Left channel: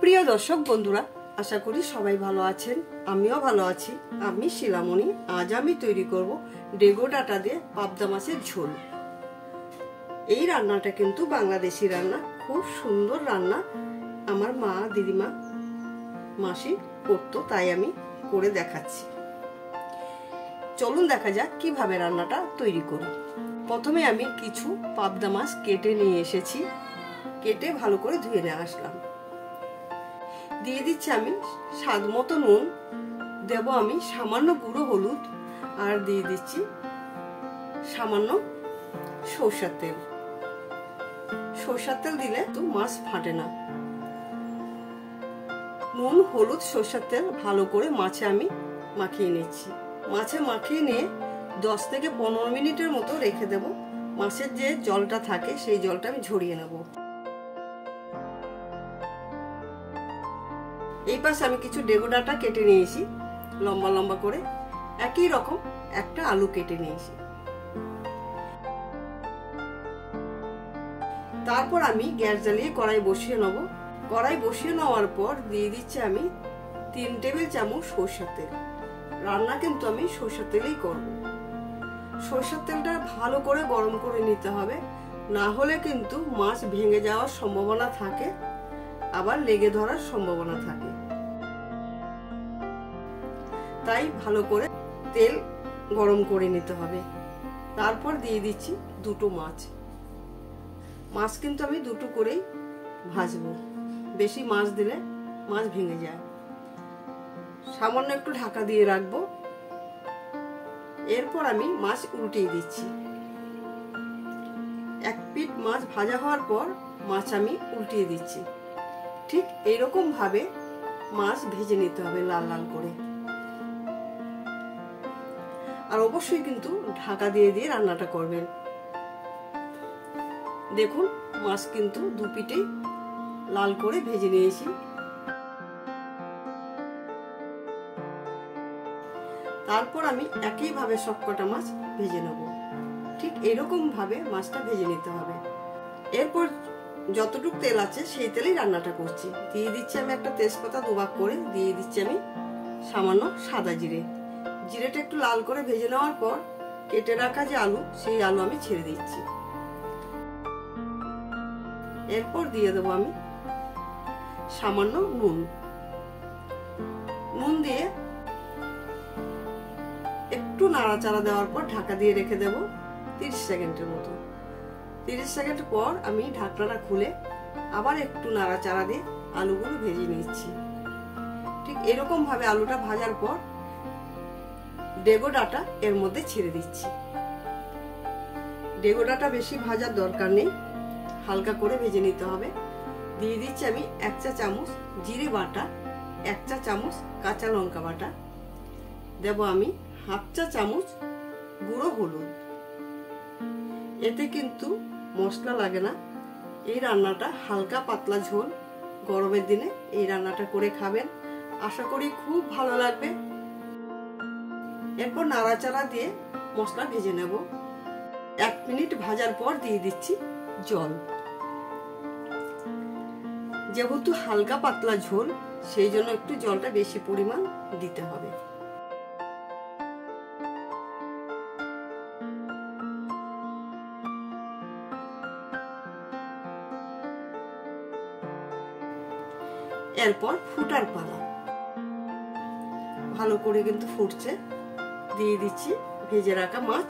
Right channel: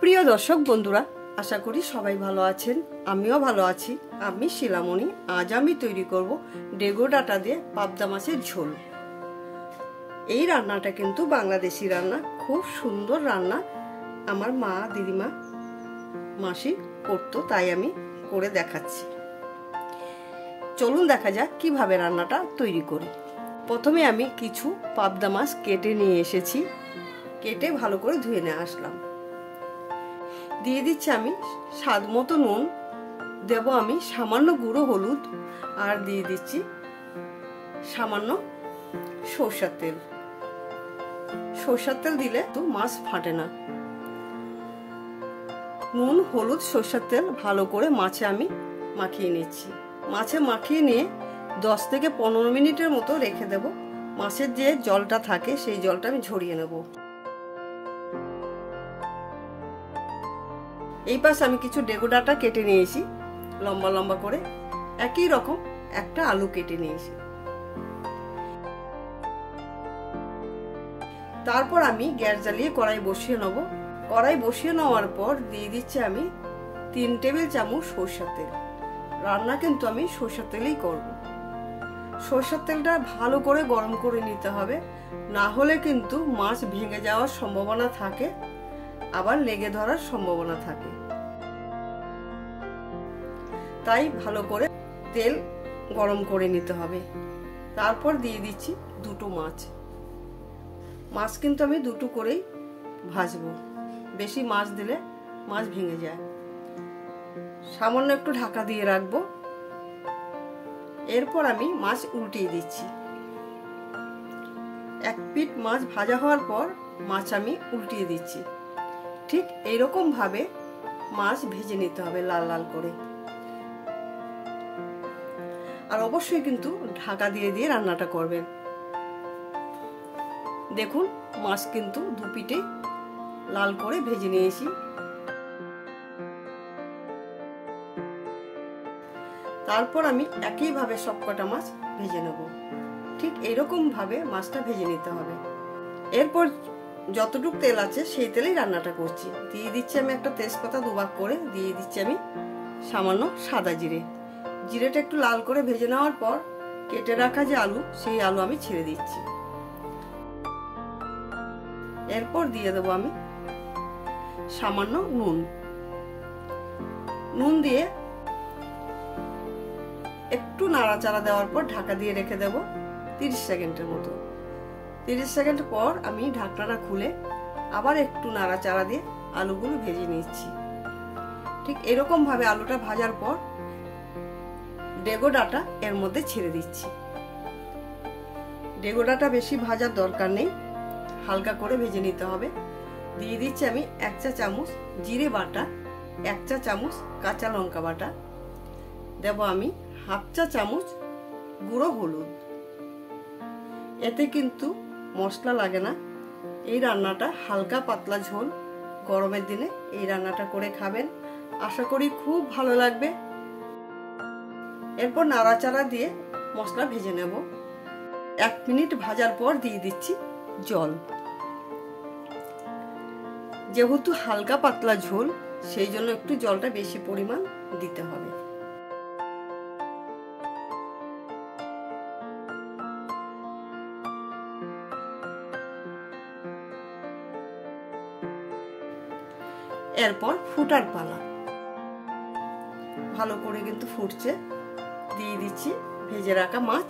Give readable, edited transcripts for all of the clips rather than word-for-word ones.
প্রিয় দর্শক বন্ধুরা, আশা করি সবাই ভালো আছেন। আমিও ভালো আছি। আমি শিলামণি। আজ আমি তৈরি করব ডেগো ডাটা দিয়ে পাবদা মাছের ঝোল। এই রান্নাটা কিন্তু বাংলাদেশি রান্না, খুব সুন্দর রান্না। আমার মা, দিদিমা, মাসি করতো, তাই আমি করে দেখাচ্ছি। চলুন দেখা যাক কিভাবে রান্নাটা তৈরি করি। প্রথমে আমি কিছু পাবদা মাছ কেটে নিয়ে এসেছি। কেটে ভালো করে ধুয়ে নিয়ে আসলাম। দিয়ে দিচ্ছি আমি স্বাদ মতো নুন, দেব আমি সামান্য গুঁড়ো হলুদ, আর দিয়ে দিচ্ছি সামান্য সরষের তেল। সরষের তেল দিলে তো মাছ ফাটে না। নুন, হলুদ, সরষের তেল ভালো করে মাছে আমি মাখিয়ে নিচ্ছি। মাছে মাখিয়ে নিয়ে 10 থেকে 15 মিনিটের মতো রেখে দেব। মাছের যে জলটা থাকে সেই জলটা আমি ঝরিয়ে নেব। এই পাশে আমি কিছু ডেগো ডাটা কেটে নিয়েছি লম্বা লম্বা করে। একই রকম একটা আলু কেটে নিয়েছি। তারপর আমি গ্যাস জ্বালিয়ে কড়াই বসিয়ে নেব। কড়াই বসিয়ে নেওয়ার পর দিয়ে দিচ্ছি আমি 3 টেবিল চামচ সরষের তেল। রান্না কিন্তু আমি সরষের তেলেই করব। সরষের তেলটা ভালো করে গরম করে নিতে হবে, না হলে কিন্তু মাছ ভেঙে যাওয়ার সম্ভাবনা থাকে, আবার লেগে ধরার সম্ভাবনা থাকে। তাই ভালো করে তেল গরম করে নিতে হবে। তারপর দিয়ে দিচ্ছি দুটো মাছ। মাছ কিন্তু আমি দুটো করেই ভাজবো, বেশি মাছ দিলে মাছ ভেঙে যায়। সামান্য একটু ঢাকা দিয়ে রাখবো। এরপর আমি মাছ উল্টিয়ে দিচ্ছি। এক পিঠ মাছ ভাজা হওয়ার পর মাছ আমি উল্টিয়ে দিচ্ছি। ঠিক এইরকম ভাবে মাছ ভেজে নিতে হবে লাল লাল করে। আর অবশ্যই কিন্তু ঢাকা দিয়ে দিয়ে রান্নাটা করবেন। দেখুন মাছ কিন্তু দু পিঠে লাল করে ভেজে নিয়েছি। তারপর আমি একইভাবে সবকটা মাছ ভেজে নেব। ঠিক এরকম ভাবে মাছটা ভেজে নিতে হবে। এরপর যতটুকু তেল আছে সেই তেলেই রান্নাটা করছি। দিয়ে দিচ্ছি আমি একটা তেজপাতা দুভাগ করে, দিয়ে দিচ্ছি আমি সামান্য সাদা জিরে। জিরেটা একটু লাল করে ভেজে নেওয়ার পর কেটে রাখা যে আলু, সেই আলু আমি ছেড়ে দিচ্ছি। এরপর দিয়ে দেবো আমি সামান্য নুন। নুন দিয়ে একটু নাড়াচাড়া দেওয়ার পর ঢাকা দিয়ে রেখে দেব 30 সেকেন্ডের মতো। 30 সেকেন্ড পর আমি ঢাকনাটা খুলে আবার একটু নাড়াচাড়া দিয়ে আলুগুলো ভেজে নিচ্ছি। ঠিক এরকম ভাবে আলুটা ভাজার পর ডেগো ডাটা এর মধ্যে ছেড়ে দিচ্ছি। ডেগো ডাটা বেশি ভাজার দরকার নেই, হালকা করে ভেজে নিতে হবে। দিয়ে দিচ্ছি আমি 1 চা চামচ জিরে বাটা, 1 চা চামচ কাঁচা লঙ্কা বাটা, দেব আমি 1/2 চা চামচ গুঁড়ো হলুদ। এতে কিন্তু মশলা লাগে না। এই রান্নাটা হালকা পাতলা ঝোল। গরমের দিনে এই রান্নাটা করে খাবেন, আশা করি খুব ভালো লাগবে। এরপর নাড়াচাড়া দিয়ে মশলা ভেজে নেব। 1 মিনিট ভাজার পর দিয়ে দিচ্ছি জল। যেহেতু হালকা পাতলা ঝোল, সেই জন্য একটু জলটা বেশি পরিমাণ দিতে হবে। এরপর ফুটার পালা। ভালো করে কিন্তু ফুটছে। দিয়ে দিচ্ছি ভেজে রাখা মাছ।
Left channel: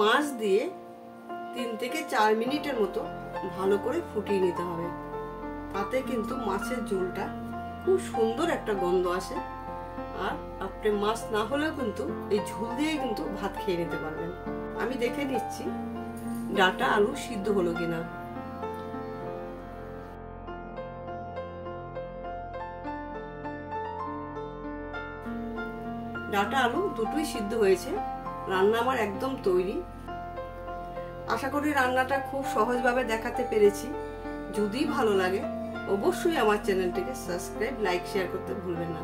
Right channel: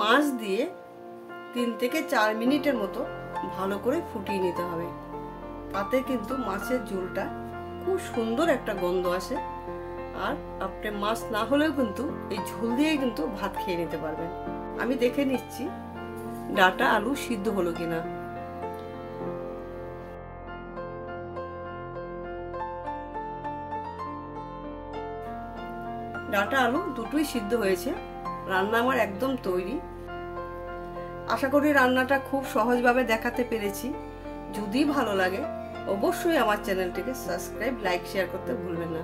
মাছ দিয়ে 3 থেকে 4 মিনিটের মতো ভালো করে ফুটিয়ে নিতে হবে। তাতে কিন্তু মাছের ঝোলটা খুব সুন্দর একটা গন্ধ আসে। আর আপনি মাছ না হলেও কিন্তু এই ঝোল দিয়েই কিন্তু ভাত খেয়ে নিতে পারবেন। আমি দেখে নিচ্ছি ডাটা আলু সিদ্ধ হলো কিনা। ডাটা আলু দুটোই সিদ্ধ হয়েছে। রান্না আমার একদম তৈরি। আশা করি রান্নাটা খুব সহজভাবে দেখাতে পেরেছি। যদি ভালো লাগে অবশ্যই আমার চ্যানেলটিকে সাবস্ক্রাইব, লাইক, শেয়ার করতে ভুলবেন না।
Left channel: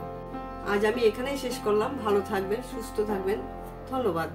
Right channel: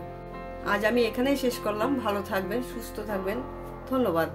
আজ আমি এখানেই শেষ করলাম। ভালো থাকবেন, সুস্থ থাকবেন। ধন্যবাদ।